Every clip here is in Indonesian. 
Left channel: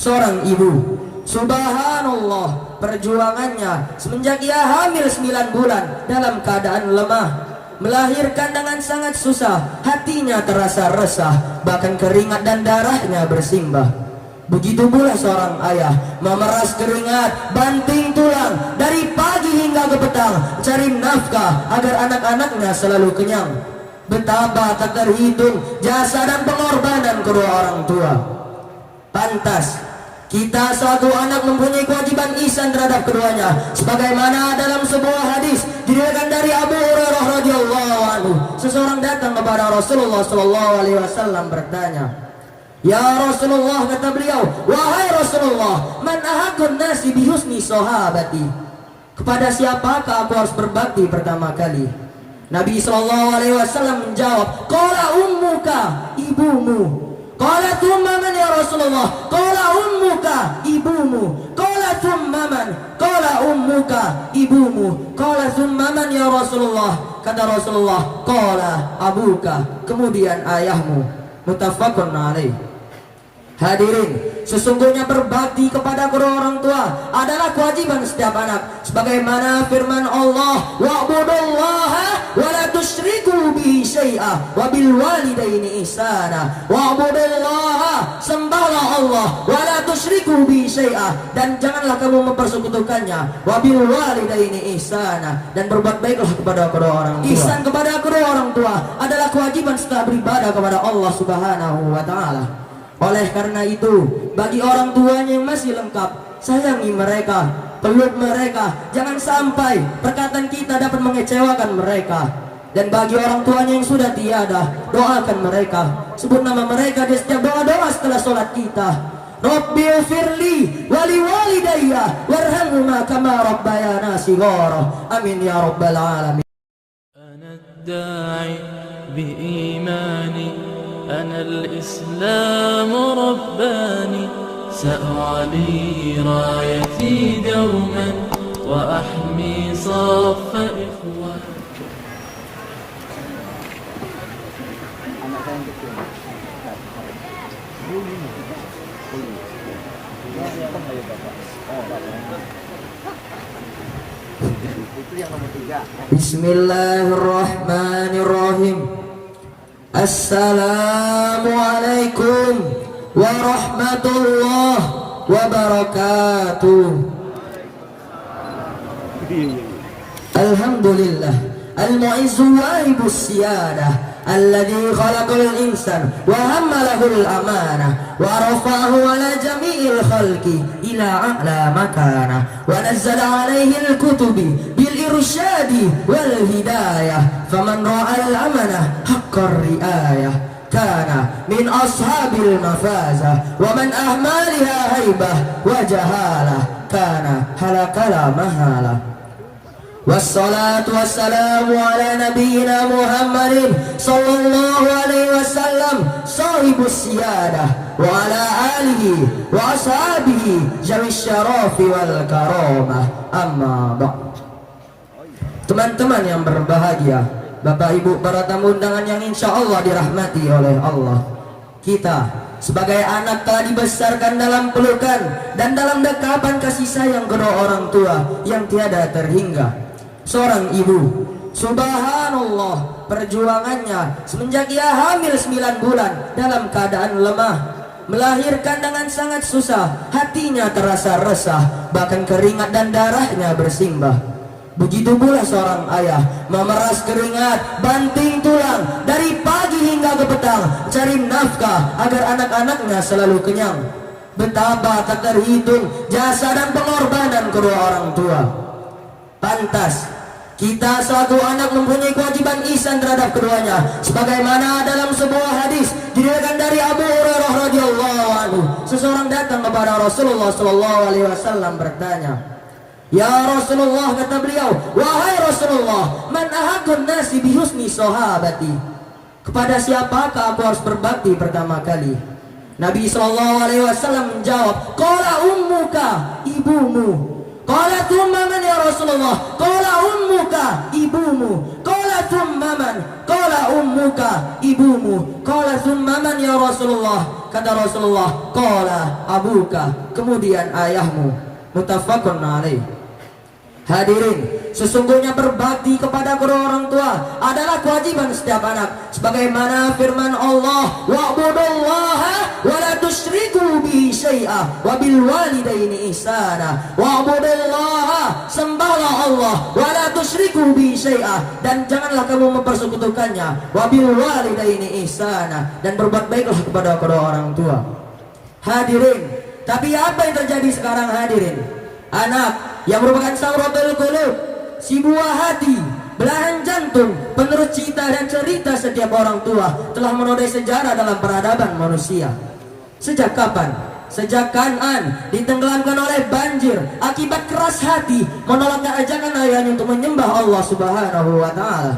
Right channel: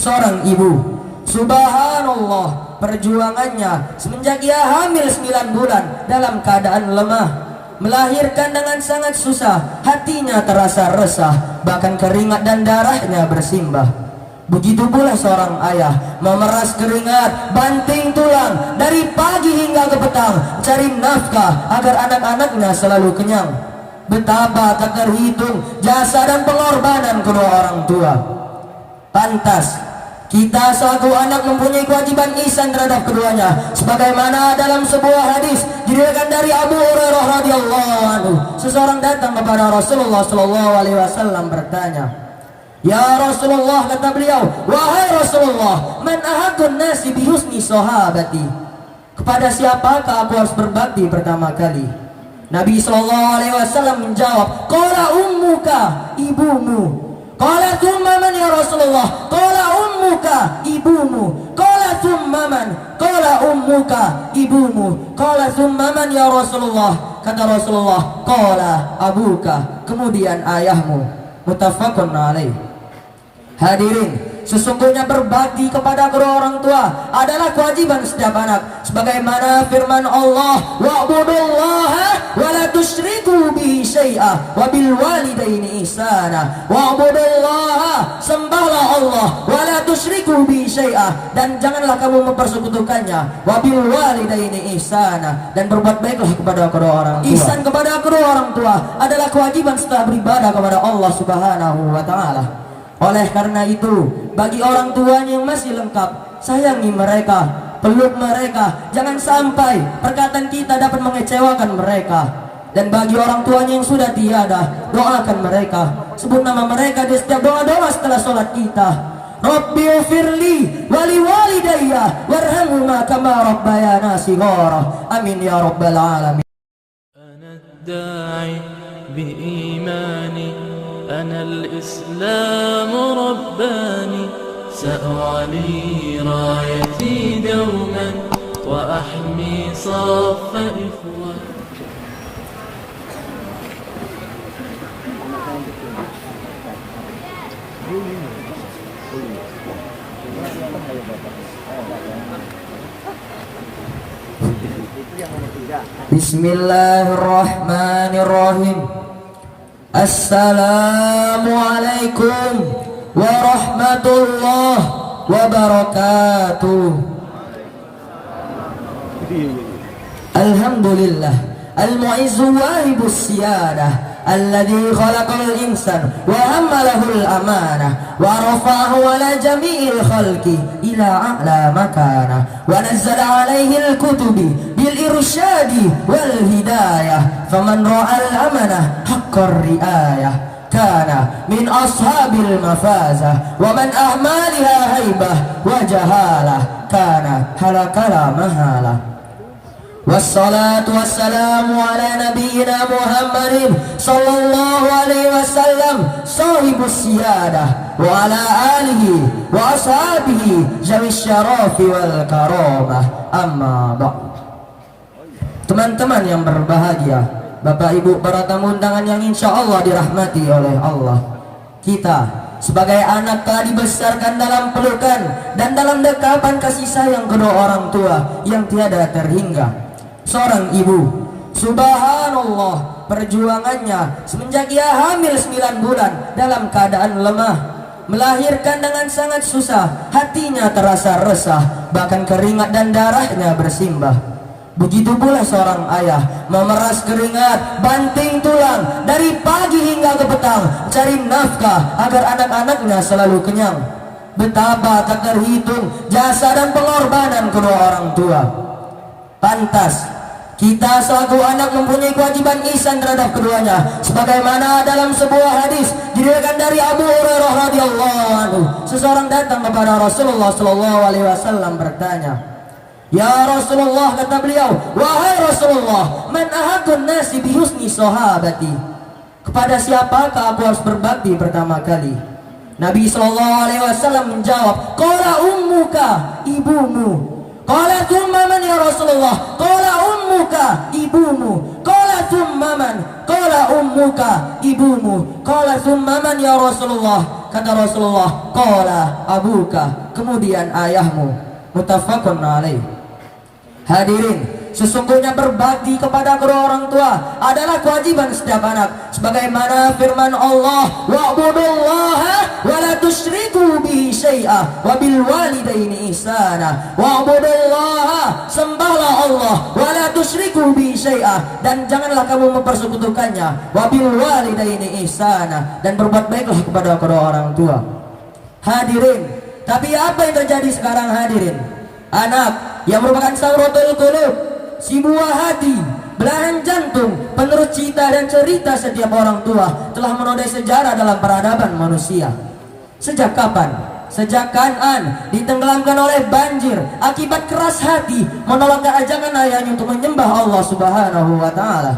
Seorang ibu, subhanallah, perjuangannya semenjak ia hamil 9 bulan dalam keadaan lemah, melahirkan dengan sangat susah, hatinya terasa resah, bahkan keringat dan darahnya bersimbah. Begitu pula seorang ayah, memeras keringat, banting tulang dari pagi hingga ke petang, cari nafkah agar anak-anaknya selalu kenyang. Betapa tak terhitung jasa dan pengorbanan kedua orang tua. Pantas kita selaku anak mempunyai kewajiban ihsan terhadap keduanya, sebagaimana dalam sebuah hadis diriwayatkan dari Abu Hurairah radhiyallahu anhu. Seseorang datang kepada Rasulullah sallallahu alaihi wasallam bertanya, "Ya Rasulullah," kata beliau, "wahai Rasulullah, man ahaqqun nasi bi husni sahabati?" Kepada siapakah aku harus berbakti pertama kali? Nabi sallallahu alaihi wasallam menjawab, "Qala ummuka," ibumu. Qala thumma man ya Rasulullah? Qala ummuka, ibumu. Qala thumma man? Qala ummuka, ibumu. Qala thumma man ya Rasulullah? Kata Rasulullah, qala abuka, kemudian ayahmu. Muttafaqun alaih. Hadirin, sesungguhnya berbakti kepada kedua orang tua adalah kewajiban setiap anak, sebagaimana firman Allah, wa'budullaha wa la tusyriku bihi syai'a wa bil walidaini ihsana. Wa'budullaha, sembahlah Allah, wa la tusyriku bihi syai'a, dan janganlah kamu mempersekutukannya, wa bil walidaini ihsana, dan berbuat baiklah kepada kedua orang tua. Ihsan kepada kedua orang tua adalah kewajiban setiap beribadah kepada Allah Subhanahu wa taala. Oleh karena itu, bagi orang tuanya yang masih lengkap, sayangi mereka, peluk mereka, jangan sampai perkataan kita dapat mengecewakan mereka. Dan bagi orang tuanya yang sudah tiada, doakan mereka, sebut nama mereka di setiap doa-doa setelah sholat kita. Rabbighfirli wa liwalidayya warhamhuma kama rabbayana shighara. Amin ya rabbal alamin. Ana ad-da'i bi-imani, أنا الإسلام رباني، سأعلي رايتي دوما وأحمي صف إخواني. Bismillahirrahmanirrahim. Assalamualaikum warahmatullahi wabarakatuh. Alhamdulillah al-mu'izzu wahibus siyadah alladhi khalaqal insan wa hammalahul amanah wa rafa'ahu ala jami'il khalqi ila a'la makana wa nazzala alayhi al-kutubi bil irsyadi wal hidayah faman ra'al amanah haqqar riayah kana min ashabil mafazah wa man ahmaliha haibah wa jahalah kana halakala mahalah. Wassalatu wassalamu ala nabiyyina Muhammadin sallallahu alaihi wasallam sahibus siyadah wa ala alihi wa ashabihi jamis syarafi wal karamah, amma ba'd. Teman-teman yang berbahagia, Bapak Ibu para tamu undangan yang insya Allah dirahmati oleh Allah, kita sebagai anak telah dibesarkan dalam pelukan dan dalam dekapan kasih sayang kedua orang tua yang tiada terhingga. Seorang ibu, subhanallah, perjuangannya semenjak ia hamil 9 bulan dalam keadaan lemah, melahirkan dengan sangat susah, hatinya terasa resah, bahkan keringat dan darahnya bersimbah. Begitu pula seorang ayah, memeras keringat, banting tulang dari pagi hingga ke petang, cari nafkah agar anak-anaknya selalu kenyang. Betapa tak terhitung jasa dan pengorbanan kedua orang tua. Pantas kita selaku anak mempunyai kewajiban ihsan terhadap keduanya, sebagaimana dalam sebuah hadis diriwayatkan dari Abu Hurairah radhiyallahu anhu. Seseorang datang kepada Rasulullah sallallahu alaihi wasallam bertanya, "Ya Rasulullah," kata beliau, "wahai Rasulullah, man ahaqqun nasi bi husni sahabati?" Kepada siapakah aku harus berbakti pertama kali? Nabi sallallahu alaihi wasallam menjawab, "Qala ummuka," ibumu. Qala thumma man ya Rasulullah? Qala ummuka, ibumu. Qala thumma man? Qala ummuka, ibumu. Qala thumma man ya Rasulullah? Kata Rasulullah, qala abuka, kemudian ayahmu. Muttafaqun alaih. Hadirin, sesungguhnya berbakti kepada kedua orang tua adalah kewajiban setiap anak, sebagaimana firman Allah, wa'budullaha wa la tusyriku bihi syai'a wa bil walidaini ihsana. Wa'budullaha, sembahlah Allah, wa la tusyriku bihi syai'a, dan janganlah kamu mempersekutukannya, wa bil walidaini ihsana, dan berbuat baiklah kepada kedua orang tua. Hadirin, tapi apa yang terjadi sekarang hadirin? Anak yang merupakan samratul qulub, si buah hati, belahan jantung, penerus cita dan cerita setiap orang tua, telah menodai sejarah dalam peradaban manusia. Sejak kapan? Sejak Kan'an ditenggelamkan oleh banjir akibat keras hati menolak ajakan ayahnya untuk menyembah Allah Subhanahu wa taala.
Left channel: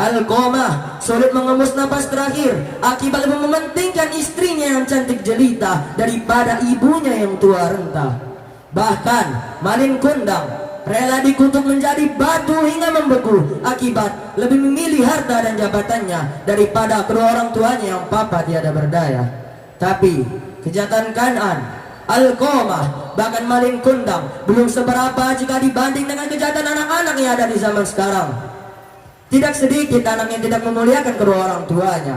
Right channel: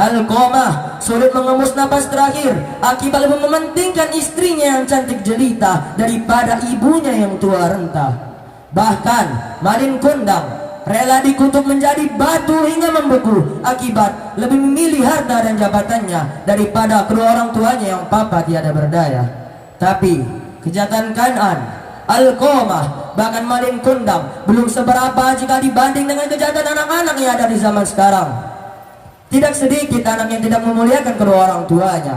Alqamah sulit mengemus napas terakhir akibat lebih mementingkan istrinya yang cantik jelita daripada ibunya yang tua renta. Bahkan Malin Kundang rela dikutuk menjadi batu hingga membeku akibat lebih memilih harta dan jabatannya daripada kedua orang tuanya yang papa tiada berdaya. Tapi kejahatan Kan'an, Alqamah, bahkan Malin Kundang belum seberapa jika dibanding dengan kejahatan anak-anak yang ada di zaman sekarang. Tidak sedikit anak yang tidak memuliakan kedua orang tuanya,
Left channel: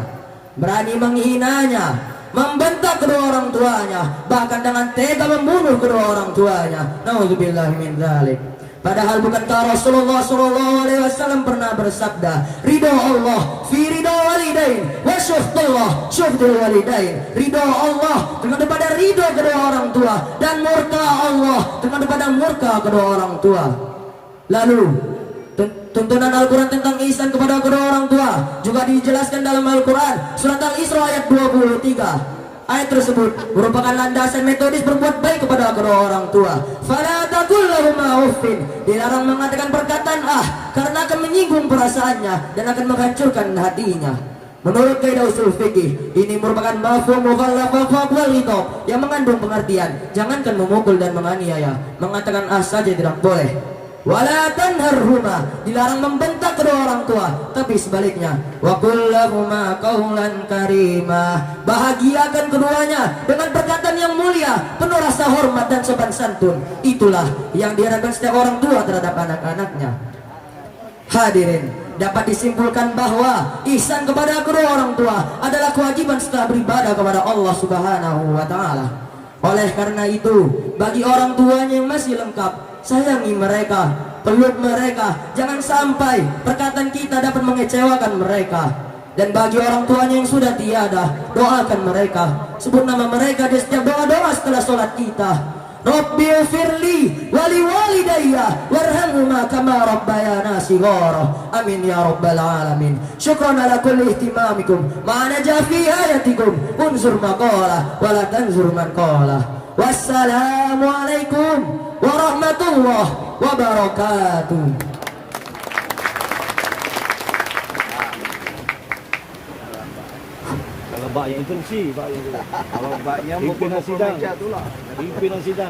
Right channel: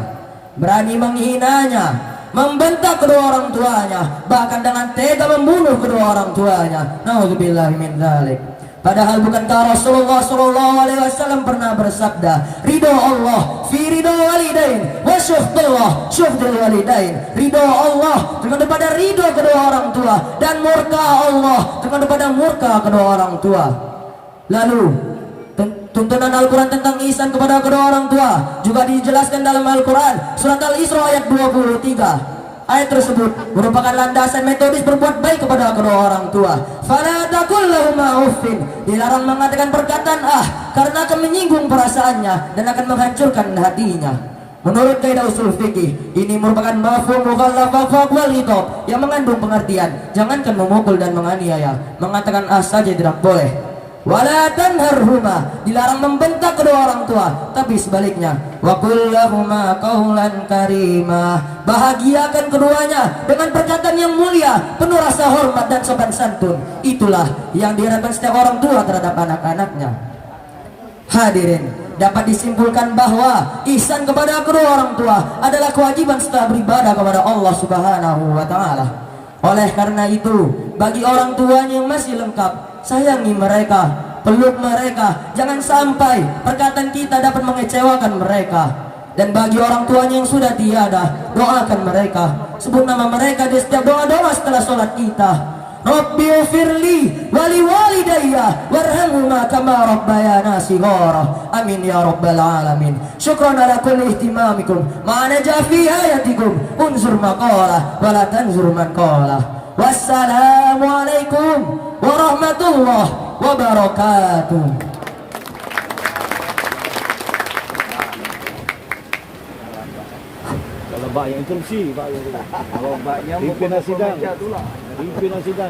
berani menghinanya, membentak kedua orang tuanya, bahkan dengan tega membunuh kedua orang tuanya. Nauzubillahi min dzalik. Padahal bukankah Rasulullah SAW pernah bersabda, ridho Allah fi ridho walidain wa syuhdullah syuhdul walidain. Ridho Allah kepada ridho kedua orang tua, dan murka Allah kepada murka kedua orang tua. Lalu tuntunan Al-Quran tentang ihsan kepada kedua orang tua juga dijelaskan dalam Al-Quran surat Al-Isra ayat 23. Ayat tersebut merupakan landasan metodis berbuat baik kepada kedua orang tua. Fala taqul lahuma uffin, dilarang mengatakan perkataan karena akan menyinggung perasaannya dan akan menghancurkan hatinya. Menurut kaidah usul fikih, ini merupakan mafhum mukhalafah wal khitab yang mengandung pengertian jangankan memukul dan menganiaya. Mengatakan saja tidak boleh. Wala tanharhuma, dilarang membentak kedua orang tua, tapi sebaliknya, wa qul lahuma qaulan karima, bahagiakan keduanya dengan perkataan yang mulia, penuh rasa hormat dan sopan santun. Itulah yang diharapkan setiap orang tua terhadap anak-anaknya. Hadirin, dapat disimpulkan bahwa ihsan kepada kedua orang tua adalah kewajiban setelah beribadah kepada Allah Subhanahu wa taala. Oleh karena itu, bagi orang tuanya yang masih lengkap, sayangi mereka, peluk mereka, jangan sampai perkataan kita dapat mengecewakan mereka. Dan bagi orang tuanya yang sudah tiada, doakan mereka, sebut nama mereka di setiap doa-doa setelah sholat kita. Rabbi firli wali walidayya warhamhuma kama rabbayana shighara. Amin ya rabbal alamin. Syukran ala kulli ihtimamikum ma naja fi hayatikum. Unzur maqala wa la tanzur man qala. Wassalamu alaikum warahmatullahi wabarakatuh. Kalau bak yang instruksi, bak yang dulu. Kalau bak yang pimpinan sidang, pimpinan sidang.